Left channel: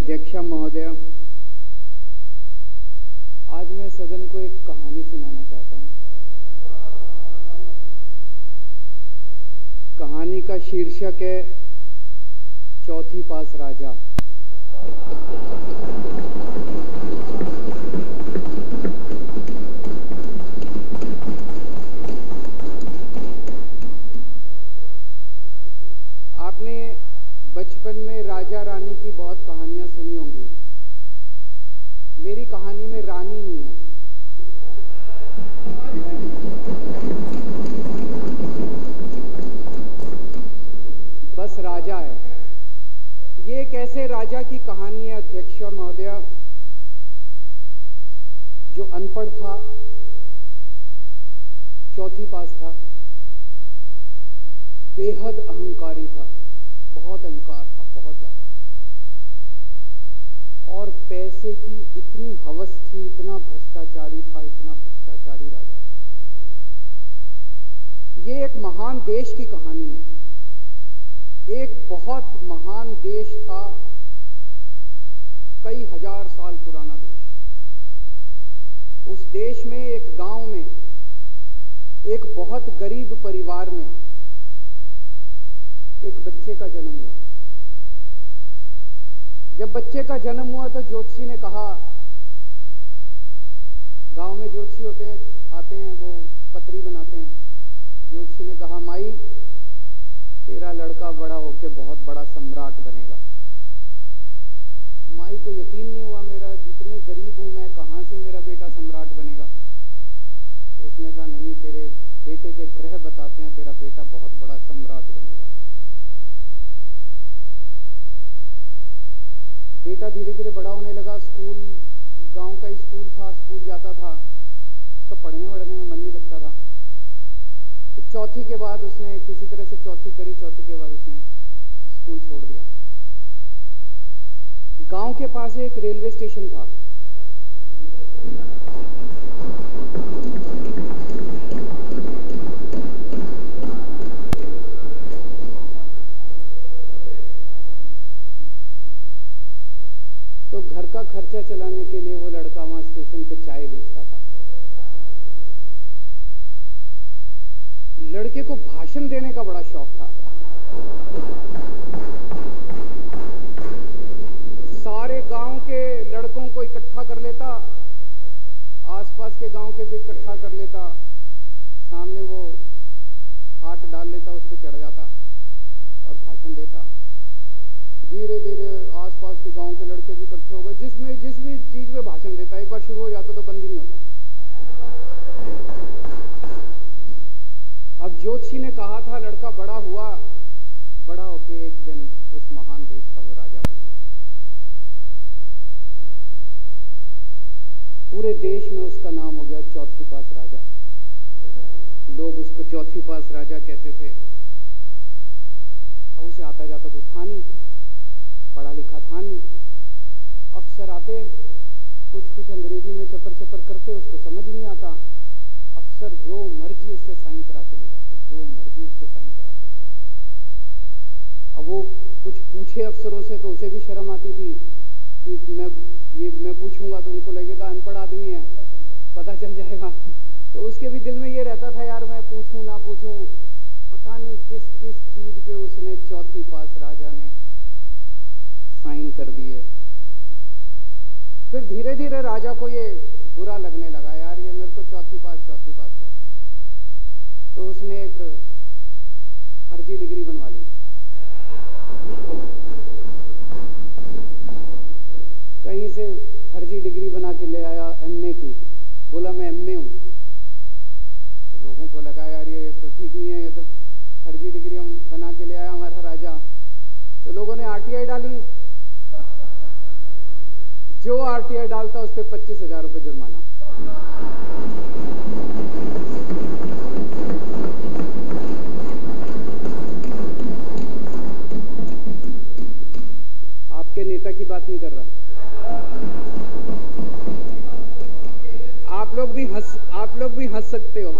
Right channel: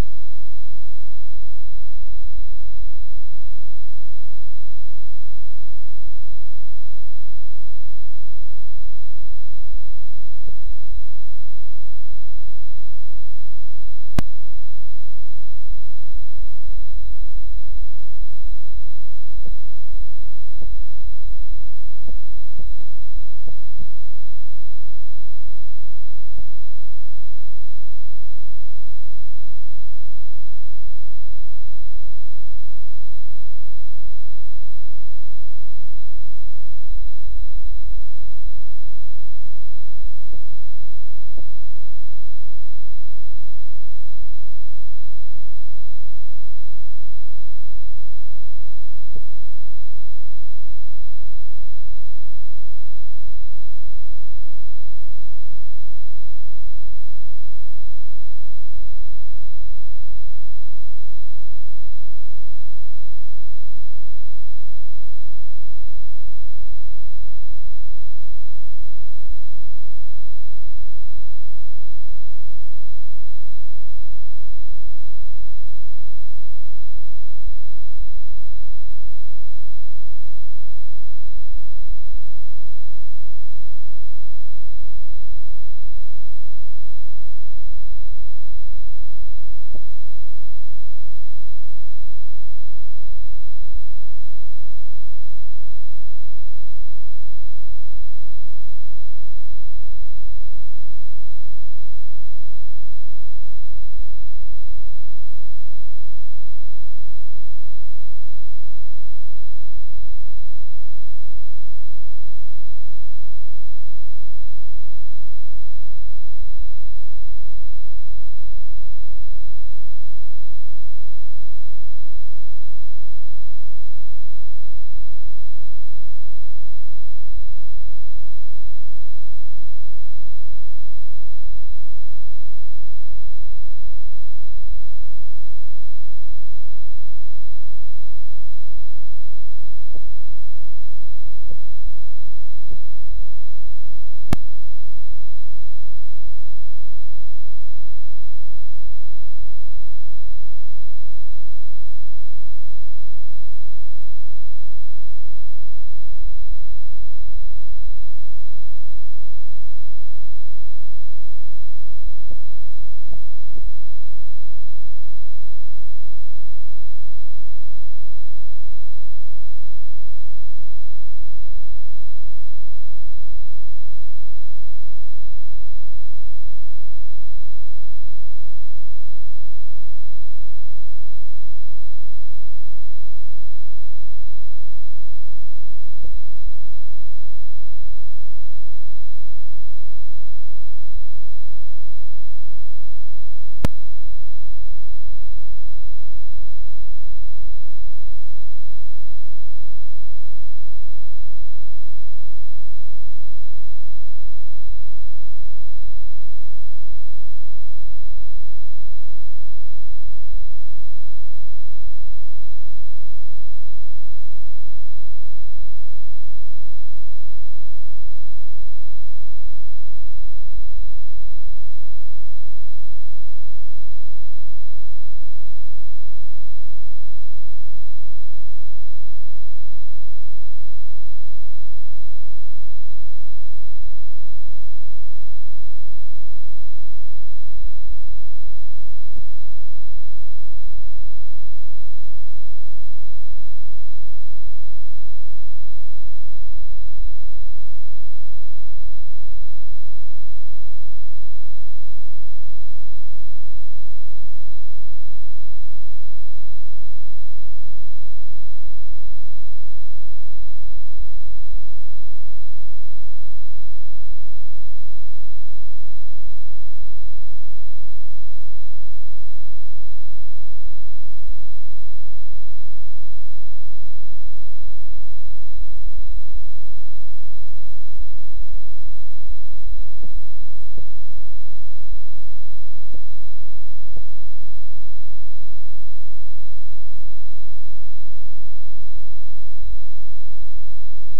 अध्यक्षा महोदय, आज मैं सदन को एक कहानी सुनाना चाहता हूं। कहानी का शीर्षक है चौथी पास राजा। आपने बचपन में राजा रानी की बहुत कहानियां सुनी होंगी। मेरी कहानी में रानी नहीं है, बस राजा है। ये एक ऐसे राजा की कहानी है अध्यक्ष महोदय, जो अनपढ़ था, चौथी पास था, बेहद अहंकारी था, बहुत अहंकार था, बहुत ज्यादा, और पैसे की इतनी हवस थी, इतना भ्रष्टाचारी था, इतना भ्रष्टाचारी राजा था। ये एक महान देश की कहानी है। एक बहुत महान देश था, कई हजार साल पुराना देश। उस देश में एक गांव में एक बहुत गरीब परिवार में एक बच्चे का जन्म हुआ। जब बच्चे का जन्म हुआ तो ज्योतिषी ने कहा, गांव में ज्योतिषी होते हैं, आते हैं, वो पत्री बनाते हैं। ज्योतिषी ने कहा, माई तेरा लड़का बड़ा होके बहुत बड़ा सम्राट बनेगा। माई को यकीन नहीं हुआ, मेरा जितने गरीब हूं मैं, कहां से मेरा बेटा सम्राट बनेगा। तो उसने कहा, नहीं, तेरे बेटे के ग्रह बताते हैं तेरा बेटा बहुत बड़ा सम्राट बनेगा। बेटा धीरे धीरे बड़ा होने लगा। स्कूल, गांव का ही स्कूल था, स्कूल जाता था। उसका पढ़ने वढ़ने में मन नहीं लगता था। तो चौथी के बाद उसने किसी तरह से चौथी करी। चौथी के बाद उसने स्कूल छोड़ दिया। गांव के पास एक रेलवे स्टेशन था। तो घर का खर्चा चलाने के लिए वो लड़का वहां स्टेशन पे चाय बेचता था। लड़के को भाषण देने का बड़ा शौक था। सारे गांव के लड़कों को इकट्ठा कर लेता, आसपास के गांव के भी इकट्ठा कर लेता, सामने वो खाट डाल लेता, उस पर चढ़ जाता और भाषण देता। धीरे धीरे आसपास के गांव के लड़के भी इकट्ठे हो गए। जिस भी चीज में भाषण देता, एक बार शुरू हो जाता तो बंद ही नहीं होता। अब ज्योतिषी ने कहा था, लड़का बड़ा हुआ, बड़ा होके एक दिन उस महान देश का वो राजा बन गया। पूरे देश में उसका नाम हो गया चौथी पास राजा। लोग उसको चौथी पास राजा कहते थे। अब उसे आता जाता कुछ था नहीं, पढ़ा लिखा था नहीं। अफसर आते, कुछ अंग्रेजी में चपर चपर करते, उसको समझ नहीं आता। अफसर जो मर्जी उससे साइन करा के ले जाते, जो मर्जी उससे साइन करा के ले जाते। अब वो कुछ पूछे अफसरों से तो उसे भी शर्म आती थी कि मैं पूछूंगा तो उनको लगेगा अनपढ़ आदमी है, पता चल जाएगा। तो उसके भी दिल में ये रहता था, यार मैं पूछूं ना पूछूं। पता नहीं किस किस चीज पे उसने चौथी पास राजा ने साइन कर दिए। फिर धीरे धीरे राजा को ये बुरा लगने लगा, यार ये मेरे को चौथी पास कहते हैं। तो उसने एक फर्जी डिग्री बनवा ली। कहीं से फर्जी डिग्री बना के ले आया, एमए की। बोला मैं एमए हूं। तो लोगों को लगा, यार ये तो ठीक नहीं है, ये तो फर्जी डिग्री हम बना के ले आया हमारा राजा। तो लोगों ने आरटीआई डाली। जो आरटीआई डालता उस पर 25,000 रुपये जुर्माना। आपके नेता की बात नहीं कर रहा। आप लोग भी हंस सकते हो।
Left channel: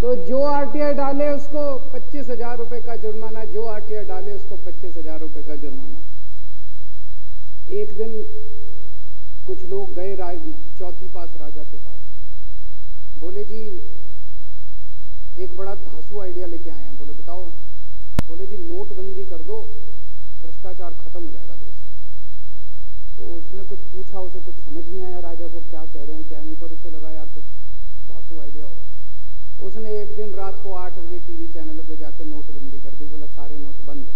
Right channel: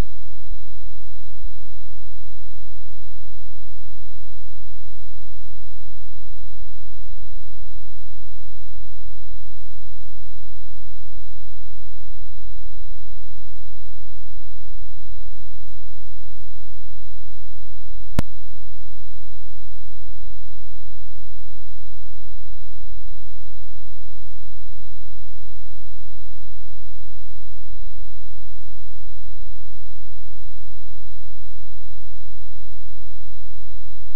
तो जो आरटीआई डाले उसको 25,000 रुपए का जुर्माना, जो आरटीआई डाले उसको 25,000 रुपए का जुर्माना। एक दिन कुछ लोग गए चौथी पास राजा के पास, बोले जी एक बड़ा धांसू आइडिया लेके आए हैं। बोले बताओ। बोले जी नोटबंदी कर दो, भ्रष्टाचार खत्म हो जाएगा देश से। तो उसने कुछ पूछा, उसे कुछ समझ नहीं आया राजा को क्या कह रहे हैं क्या नहीं, पर उसे लगा यार कुछ धांसू आइडिया होगा। उसने एक दिन रात को 8 बजे टीवी चैनल पे जाके नोटबंदी कर दी। बोला सारे नोट बंद।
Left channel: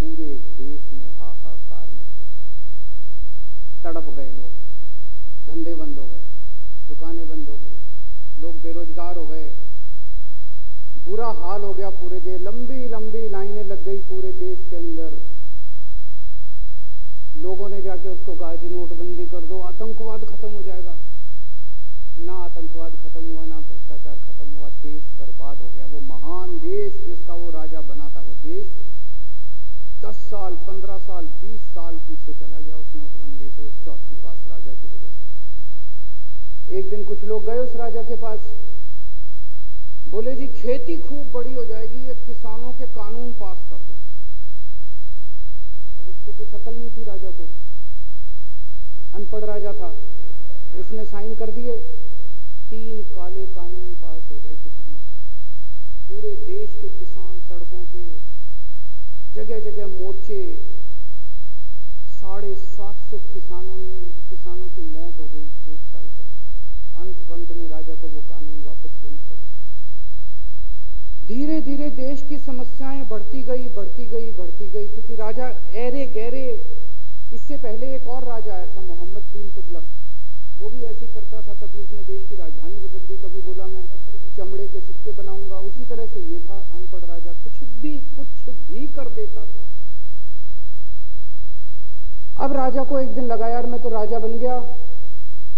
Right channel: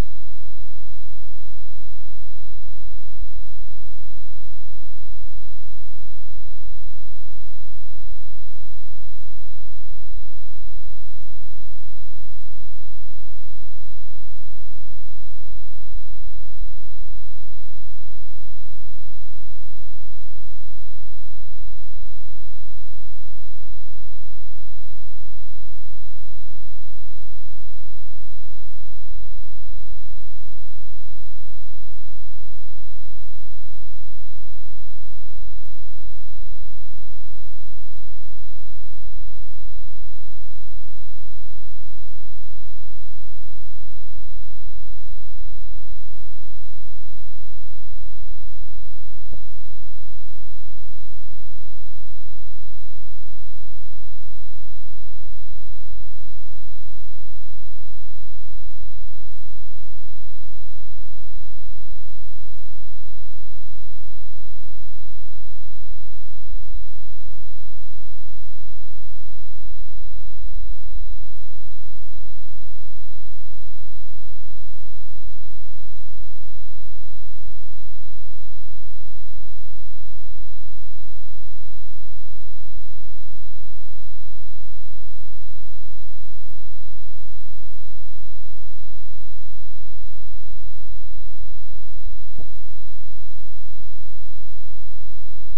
पूरे देश में हाहाकार मच गया, तड़प गए लोग, धंधे बंद हो गए, दुकानें बंद हो गई, लोग बेरोजगार हो गए, बुरा हाल हो गया पूरे देश। लंबी लंबी लाइनें लग गई पूरे देश के अंदर। लोगों ने जाके उसको कहा जी नोटबंदी कर दो, आतंकवाद खत्म हो जाएगा। ना आतंकवाद खत्म हुआ, ना भ्रष्टाचार खत्म हुआ, देश बर्बाद हो गया। वो महान देश जिसका वो राजा बना था, वो देश 10 साल 15 साल 20 साल पीछे चला गया उस नोटबंदी से, उस चौथी पास राजा की वजह से। एक दिन कुछ लोग गए उस राजा के पास, बोले जी खेती खूब बड़ी हो जाएगी, ये किसानों के कानून पास कर दो। अब उसको कुछ अकल नहीं थी राजा को, अनपढ़ राजा था। उसने साइन कर दिए, 3 काले कानून पास हो गए किसानों के। पूरे देश के किसान सड़कों पे, जगह जगह मोर्चे, 750 किसानों की मौत हो गई 1 साल के अंदर। अंत में राजा को वो कानून वापस लेने पड़े। धीरे धीरे देश की समस्याएं बढ़ती गई, क्योंकि राजा ऐरे गहरे। इससे पहले एक और राजा आया था, मोहम्मद बिन तुगलक। वो भी ऐसे ही करता था, कभी उसने देश की राजधानी बदल दी, कभी बोला मैं चमड़े के सिक्के बनाऊंगा। उसी तरह से ये था अनपढ़ राजा, कुछ भी कर देता था। अब राजा को एक दिन लगा यार मैं तो राजा बन गया,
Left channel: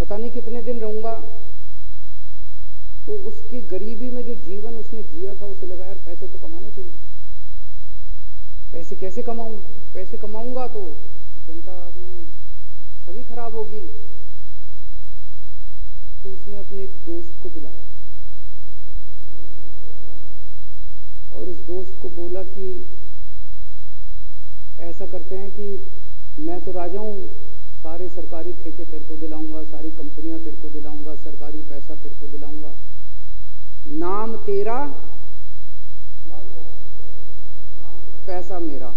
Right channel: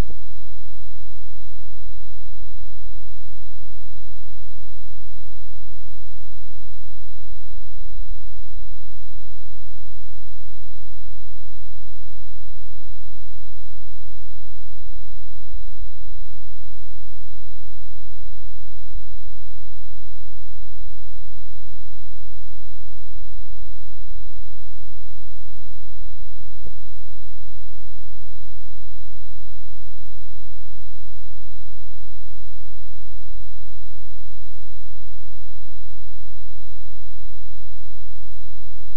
पता नहीं कितने दिन रहूंगा। तो उसकी गरीबी में जो जीवन उसने जिया था, उसे लगा यार पैसे तो कमाने चाहिए। पैसे कैसे कमाऊं? पैसे कमाऊंगा तो जनता में छवि खराब होगी। तो उसने अपने एक दोस्त को बुलाया और उस दोस्त को बोला कि ऐसा करते हैं कि मैं तो राजा हूं, सारे सरकारी ठेके तेरे को दिलाऊंगा, सारी कंपनियां तेरे को दिलाऊंगा, सरकारी पैसा तेरे को दिलाऊंगा। नाम तेरा, पैसा मेरा।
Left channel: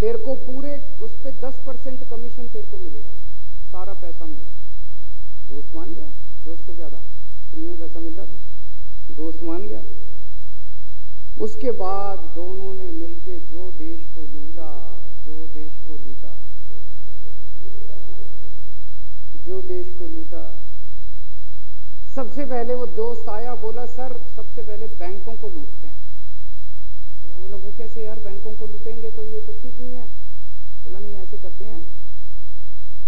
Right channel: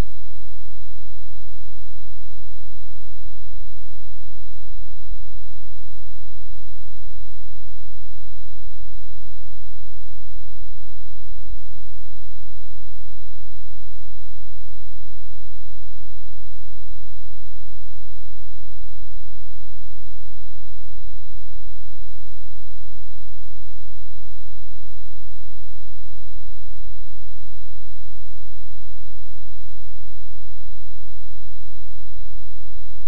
तेरे को पूरे उस पे 10% कमीशन तेरे को मिलेगा, सारा पैसा मेरा। दोस्त मान गया। दोस्त को क्या था, फ्री में पैसा मिल रहा था, दोस्त मान गया। उसके बाद दोनों ने मिलके जो देश को लूटा, सबसे पहले वो दोस्त आया, बोला सर सबसे पहले बैंकों को लूटते हैं। तो बोला वो कैसे यार, बैंकों को लूटेंगे तो ये तो ठीक नहीं है। बोला नहीं ऐसे करते हैं,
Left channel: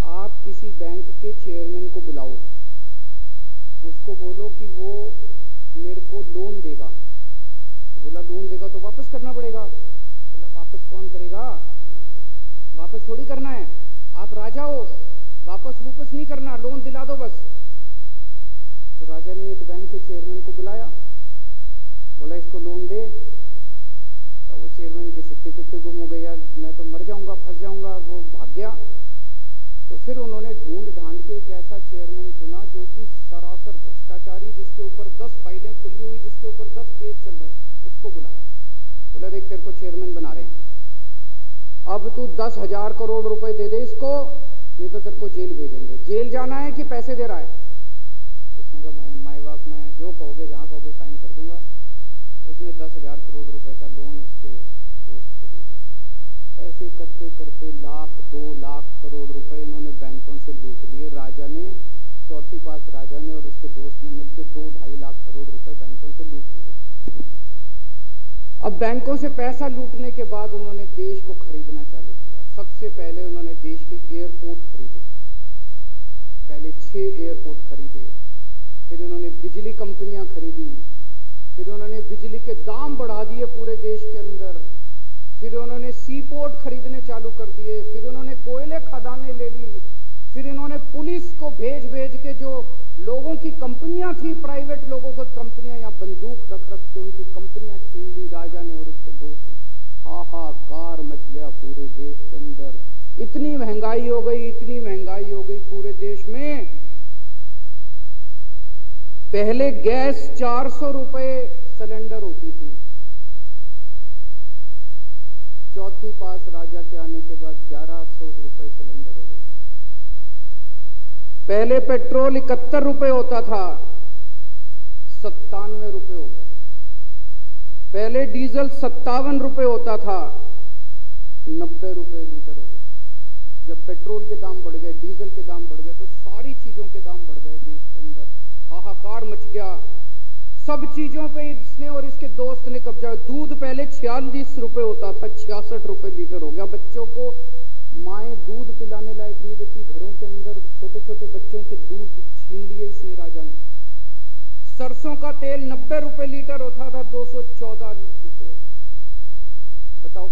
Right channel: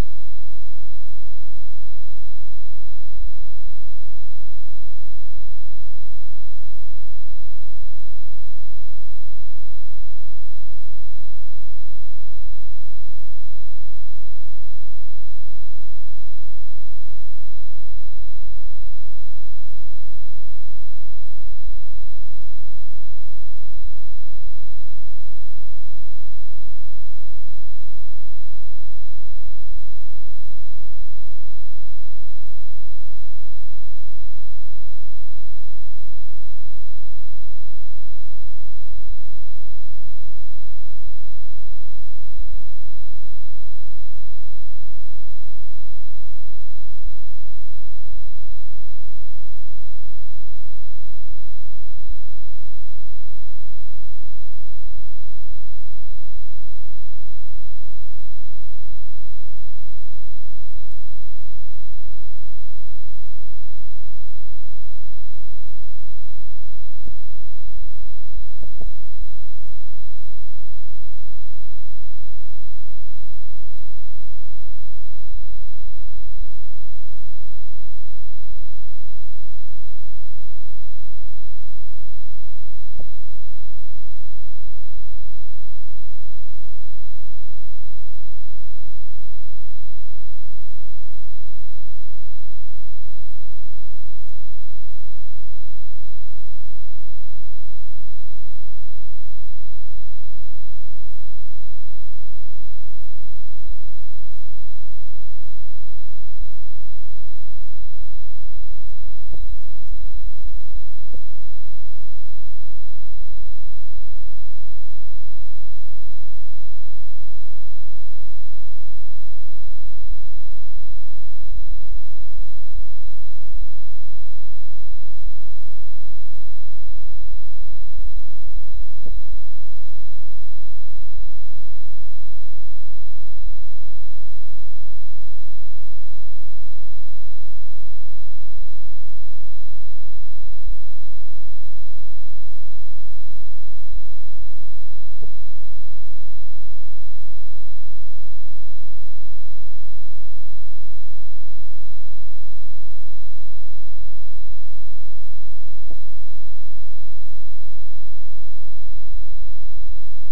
आप किसी बैंक के चेयरमैन को बुलाओ, उसको बोलो कि वो मेरे को लोन देगा। बोला लोन देगा तो वापस करना पड़ेगा। बोला वापस कौन करेगा, वापस थोड़ी करना है, आप राजा हो, वापस नहीं करना, लोन दिला दो बस। तो राजा ने एक बैंक के चेयरमैन को बुलाया, बोला इसको लोन दे। तो वो चेयरमैन की सिक्के पिक्के गुम हो गई, यार मैं तो मर जाऊंगा, फंस जाऊंगा। वो भाग गया। तो फिर उन्होंने ढूंढ ढांड के एक ऐसा चेयरमैन चुना जो कि सरासर भ्रष्टाचारी, जिसके ऊपर 10 फाइलें खुली हुई, जिसके ऊपर 10 केस चल रहे, उसको बुलाया। बोला देख तेरे को चेयरमैन बना रहे हैं, अब तू 10,000 करोड़ रुपए दे दे इसको, नहीं तो तेरे को जेल भेजेंगे। जेल जाना है कि पैसे दे रहा है? उसने कहा माई बाप मैं जो कहोगे जहाँ कहोगे साइन कर दूंगा। उसने 10,000 करोड़ रुपए का लोन उसके दोस्त को दे दिया। ऐसे करते करते 1,00,000 2 लाख करोड़ रुपए इन्होंने बैंकों से लूट लिए। राजा ने, चौथी पास राजा ने और उसके दोस्त ने मिलकर 2-2.5 लाख करोड़ रुपए बैंकों से लूट लिए। अब बैंकों से पैसा लूटने के बाद उन्होंने देश को खरीदना चालू किया। सबसे पहले उन्होंने देश के एयरपोर्ट खरीदे, पहले 6 एयरपोर्ट खरीदे। फिर उन्होंने बिजली कंपनियां खरीदी, फिर उन्होंने बिजली के दाम बढ़ा दिए पूरे देश के अंदर। फिर उन्होंने सी पोर्ट खरीदने चालू कर दिए, फिर उन्होंने कोयले खदानें ले ली, फिर इन्होंने पुलिस को भेज भेज के जो लोगों की कंपनियां थी, प्राइवेट लोगों की कंपनियां, या बंदूक रख रख के उनकी कंपनियां छीन ली राजा ने और उसके दोस्त। हाहाकार मच गया पूरे देश के अंदर। इतनी महंगाई हो गई, इतनी महंगाई हो गई पूरे देश में। पहले गैस 400 रुपए सिलेंडर होती थी, चौथी पास राजा के आने के बाद 1100 रुपए सिलेंडर हो गई। पहले पेट्रोल 71 रुपए होता था, 97 रुपए हो गया। पहले डीजल 57 रुपए होता था, 90 रुपए लीटर हो गया। जब पेट्रोल के दाम बढ़ गए, डीजल के दाम बढ़ गए, तो सारी चीजों के दाम बढ़ गए देश के अंदर। हाहाकार मच गया। सब चीजों पे इसने और इसके दोस्त ने कब्जा। दूध पहले 46 रुपए होता था, 66 रुपए लीटर हो गया। बच्चों को माएँ दूध पिलाने लायक नहीं बची। घरों के अंदर छोटे छोटे बच्चों के दूध छीन लिए इसने राजा ने। सरसों का तेल 90 रुपए लीटर होता था, 214 रुपए। बताओ,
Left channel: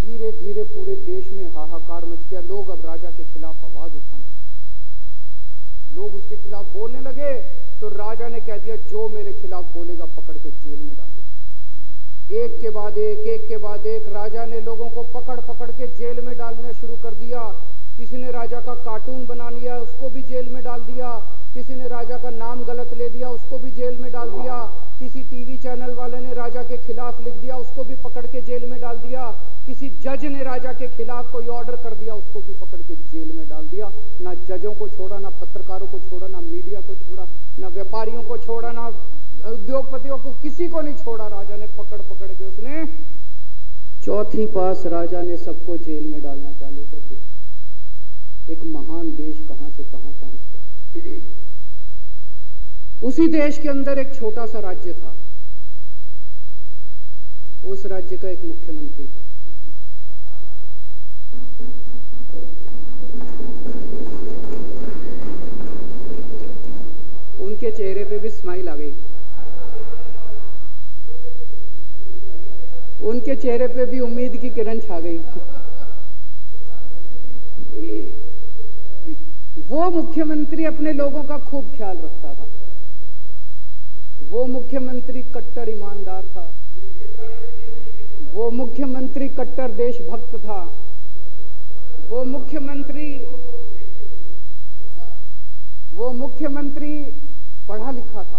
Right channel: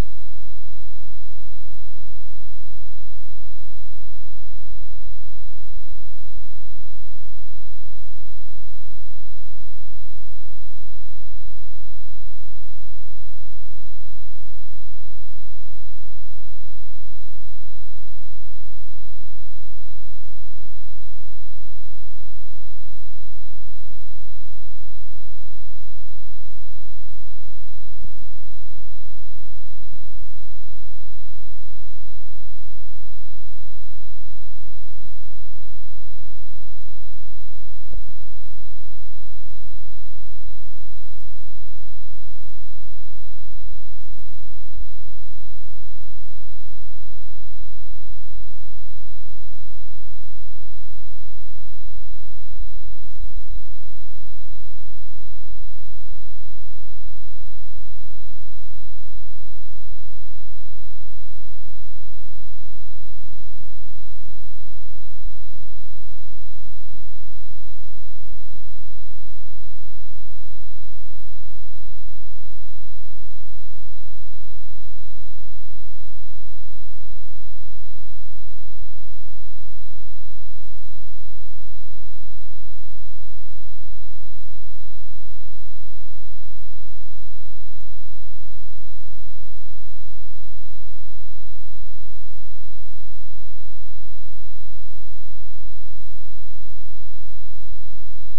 धीरे धीरे पूरे देश में हाहाकार मच गया। लोग अब राजा के खिलाफ आवाज उठाने लगे, लोग उसके खिलाफ बोलने लगे। तो राजा ने कह दिया, जो मेरे खिलाफ बोलेगा पकड़ के जेल में डालो। एक के बाद एक राजा ने लोगों को पकड़ पकड़ के जेल में डालना शुरू कर दिया। किसी ने राजा का कार्टून बना लिया, उसको भी जेल में डाल दिया। किसी ने राजा का नाम गलत ले दिया, उसको भी जेल में डाल दिया। किसी टीवी चैनल वाले ने राजा के खिलाफ लिख दिया, उसको भी पकड़ के जेल में डाल दिया। किसी जज ने राजा के खिलाफ कोई ऑर्डर कर दिया, उसको भी पकड़ के जेल में डाल दिया। ना जजों को छोड़ा, ना पत्रकारों को छोड़ा, ना मीडिया को छोड़ा, ना व्यापारियों को छोड़ा, ना उद्योगपतियों को, किसी को नहीं छोड़ा। राजा ने पकड़ पकड़ के उसने चौथी पास राजा ने सबको जेल में डालना चालू कर दिया। एक महान देश कहां से कहां पहुंच गया। उसी देश के अंदर एक छोटा सा राज्य था, उस राज्य का एक मुख्यमंत्री था। उनके चेहरे पे भी स्माइल आ गई, उनके चेहरे पे भी उम्मीद की किरण छा गई। वो मुख्यमंत्री अपने लोगों का खूब ख्याल रखता था। वो मुख्यमंत्री कट्टर ईमानदार था। वो मुख्यमंत्री कट्टर देशभक्त था। वो मुख्यमंत्री पढ़ा लिखा था।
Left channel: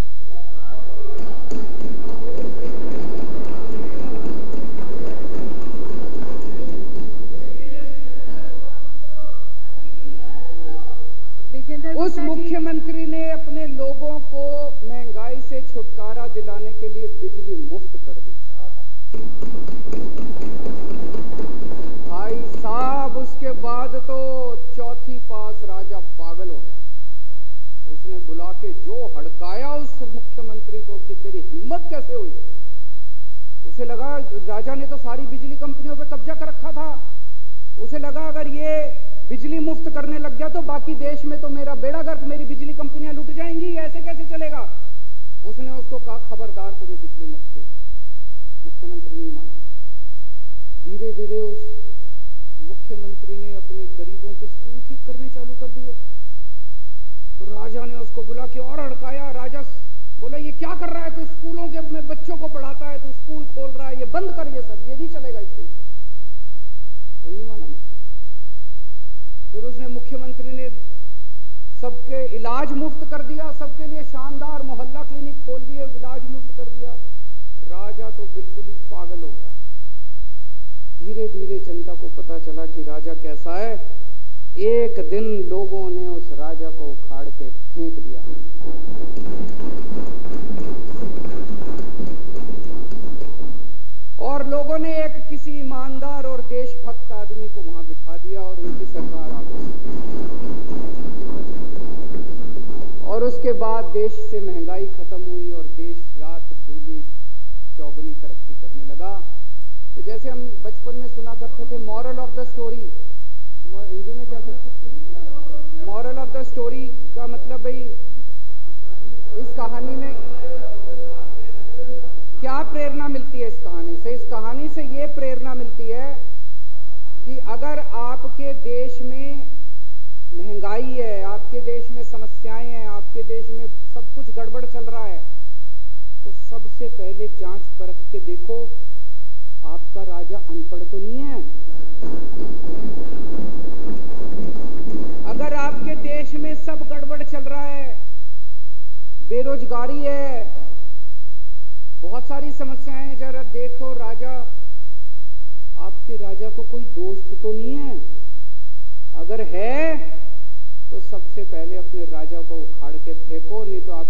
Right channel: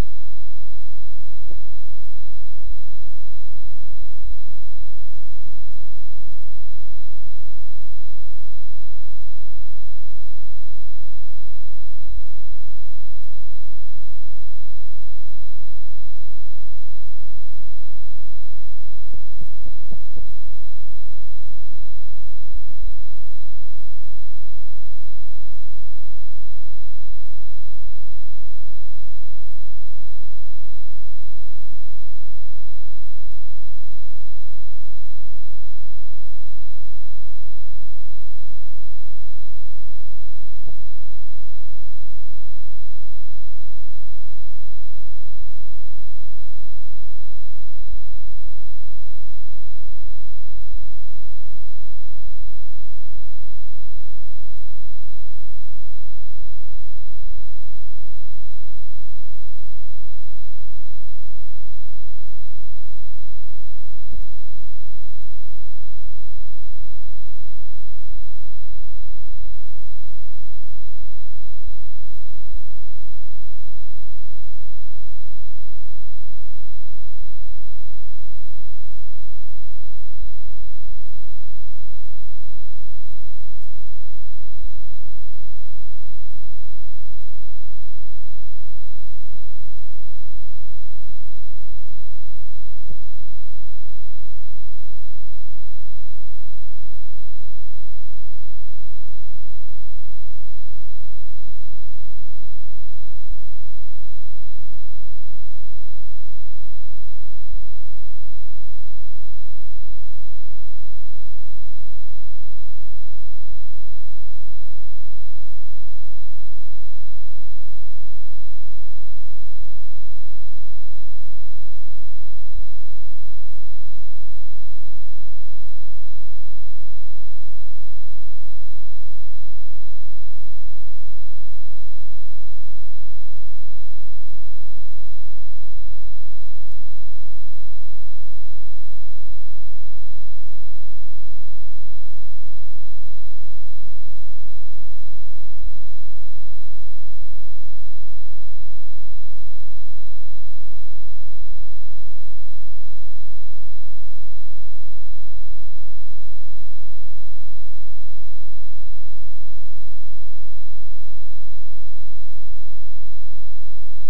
उस मुख्यमंत्री ने अपने लोगों को महंगाई से छुटकारा दिलाने के लिए बिजली मुफ्त कर दी। भाई साहब, उसके बाद तो चौथी पास राजा पागल हो गया। उसने बुला के जो हड़काया उस मुख्यमंत्री को कि तेरी हिम्मत कैसे हुई। उसे लगा राजा ने तो सारी बिजली कंपनियों पे कब्जा कर रखा था। उसे लगा अगर ये बिजली मुफ्त करने लग गया तो बाकी देश में तो मेरा बेड़ा गर्क, मेरी बिजली कंपनियां लुट जाएंगी, ऐसे कैसे चलेगा। उसने उसको कहा, खबरदार तुझे बिजली मुफ्त की। मुख्यमंत्री नहीं माना। धीरे धीरे उस मुख्यमंत्री ने अपने गरीबों के स्कूल ठीक करने चालू कर दिए। तो राजा ने उसको बुला के और हड़काया। राजा बोला, ये क्या कर रहा है तू, स्कूलों के अपने बच्चों को पढ़ाता है, तू स्कूल खोल रहा है, ये बंद कर, ये सब, ये नहीं चलेगा इस देश में। वो नहीं माना। फिर उसने मुख्यमंत्री ने सबके इलाज मुफ्त कर दिया, सबके लिए शानदार मोहल्ला क्लिनिक खोल दिए, इलाज मुफ्त कर दिया। राजा तो बिल्कुल ही पागल हो गया। धीरे धीरे जनता को पता चला कि राजा कैसा है। एक दिन लोगों ने उस राजा को उखाड़ के फेंक दिया। और लोगों ने एक किसी ईमानदार और देशभक्त आदमी को वहां बिठा दिया और उनकी सरकार आ गई। और उसके बाद देश से महंगाई खत्म हुई और देश रात दूनी चौगुनी तरक्की करने लगा। तो जैसे हम बचपन में सुना करते थे, moral of the story, Hindi में क्या कहते हैं, मॉरल ऑफ द स्टोरी का मतलब भाई इस कहानी में क्या प्रेरणा मिलती है। इस कहानी से, इस कहानी से ये प्रेरणा मिलती है कि अगर आपके देश में महंगाई है, आपके देश में समस्याएं हैं, आपके देश में सब कुछ गड़बड़ चल रहा है, तो सबसे पहले जांच परख के देखो आपका राजा अनपढ़ तो नहीं है। अगर आपके देश में सब गड़बड़ चल रहा है, बेरोजगारी है, बहुत सारी समस्याएं हैं, जरा देखो राजा, आपके राजा को कोई दोस्त तो नहीं है। अगर है तो सबसे पहले अपने राजा को उखाड़ के फेंको, नहीं तो आप